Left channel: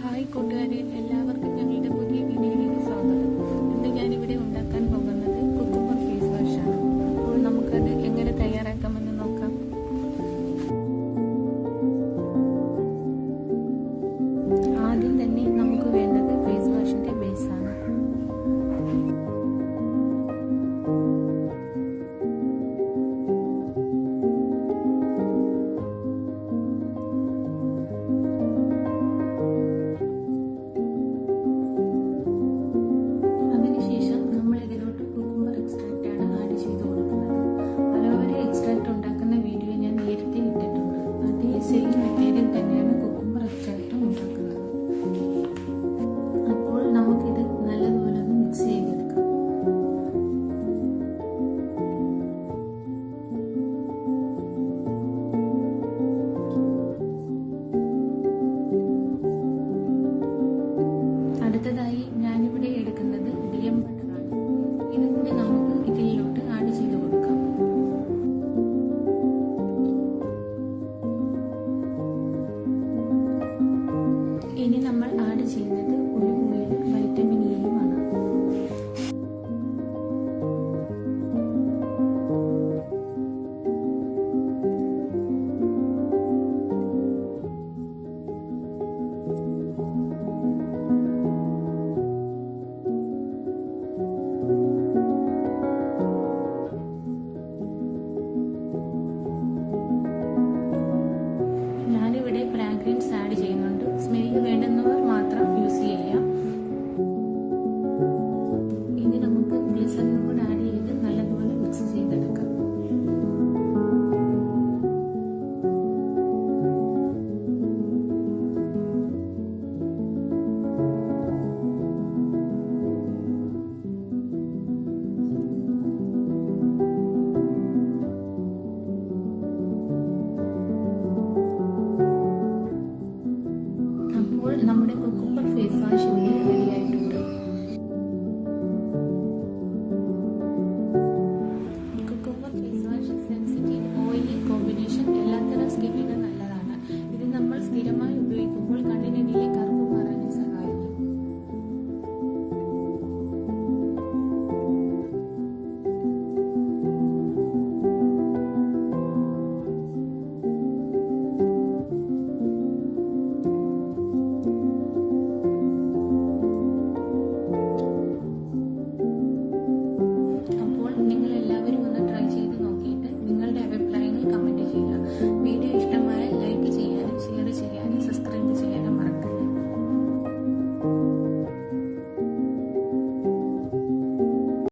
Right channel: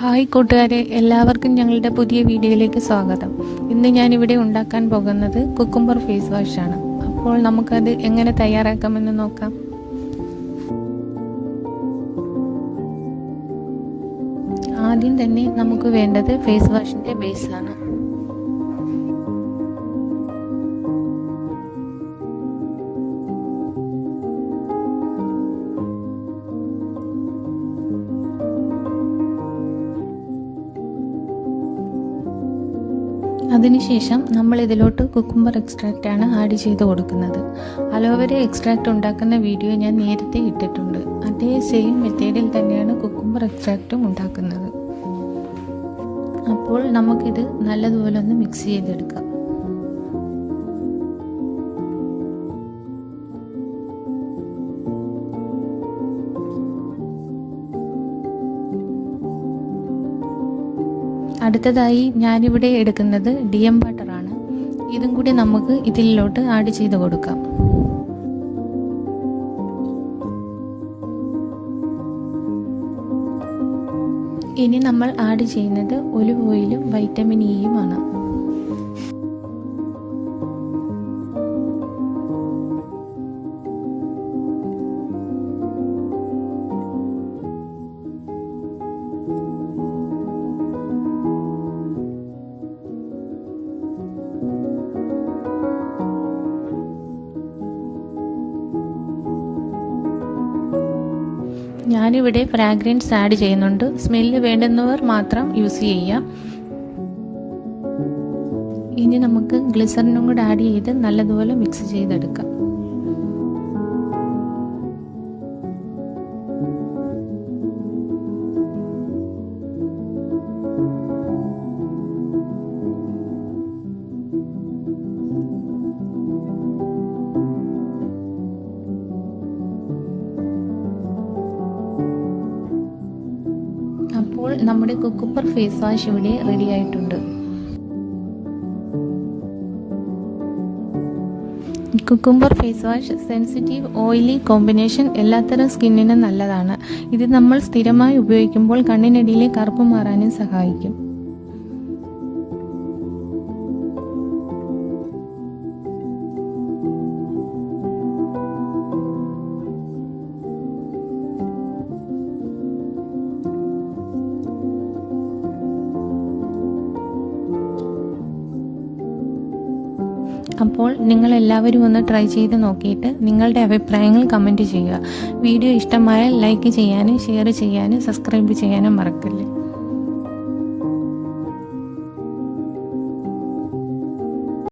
Hi കൂട്ടുകാരെ, എല്ലാവർക്കും ഞങ്ങളുടെ പുതിയ വീഡിയോയിലേക്ക് സ്വാഗതം. ഇന്ന് ഞാനിവിടെ ഉണ്ടാക്കാൻ പോകുന്നത് കുക്കുംബർ ഫേസ് വാഷാണ്. അപ്പോൾ നമുക്കത് എങ്ങനെ തയ്യാറാക്കാമെന്ന് നോക്കാം. ആദ്യം തന്നെ നമുക്ക് വേണ്ടത് ഫേസ് വാഷിൻ്റെ ബേസാണ്. അതിനുശേഷം നമ്മൾ ഇതിലോട്ട് കുക്കുംബർ എക്സ്ട്രാക്റ്റാണ് ആഡ് ചെയ്ത് കൊടുക്കുന്നത്. അലോവേര എക്സ്ട്രാക്റ്റ് ഉണ്ടാക്കുന്ന വീഡിയോ ഞാൻ നേരത്തെ ഇട്ടിട്ടുണ്ട്. അതേ സെയിം മെത്തേഡിൽ തന്നെയാണ് കുക്കുംബർ എക്സ്ട്രാക്റ്റും ഉണ്ടാക്കുന്നത്. അപ്പോൾ നമുക്കിത് നല്ലതുപോലെ ഒന്ന് മിക്സ് ചെയ്തെടുക്കാം. അടുത്തതായി ഞാനിവിടെ എടുക്കുന്നത് DM ബട്ടറാണ്. ഇതും കൂടി നമുക്ക് ഇതിലോട്ട് ആഡ് ചെയ്ത് കൊടുക്കാം. ഇനി നമ്മൾ ആഡ് ചെയ്യുന്നത് ഒലിവ് ഓയിലും വൈറ്റമിൻ ഇയുമാണ്. ഞാനിവിടെ ഫ്രാഗ്രൻസ് ആഡ് ചെയ്യുന്നുണ്ട്. സ്മെല്ല് വേണ്ടുന്നവർ മാത്രം യൂസ് ചെയ്യാം. ഇനി നമുക്ക് ഗ്ലിസറിനും കൂടെ ആഡ് ചെയ്ത് നല്ലതുപോലെ മിക്സ് ചെയ്തെടുക്കാം. അപ്പോൾ നമ്മുടെ കുക്കുംബർ ഫേസ് വാഷ് ഇവിടെ റെഡി ആയിട്ടുണ്ട്. Cucumber face wash sensitive oily combination എല്ലാത്തരം സ്കിന്നിനും നല്ലതാണ്. ഇത് നമ്മൾ സ്ഥിരമായി ഉപയോഗിക്കുമ്പോൾ കണ്ണിനടിയിലെ കറുപ്പ് മാറാനും സഹായിക്കും. അപ്പോൾ നിങ്ങളെല്ലാവരും ഒന്ന് ട്രൈ ചെയ്ത് നോക്കിയിട്ട് നിങ്ങളുടെ അഭിപ്രായങ്ങൾ കമൻറ്റ് ചെയ്യുക. വീഡിയോ ഇഷ്ടമായാൽ ലൈക്ക് ചെയ്യാനും ഷെയർ ചെയ്യാനും സബ്സ്ക്രൈബ് ചെയ്യാനും മറക്കല്ല.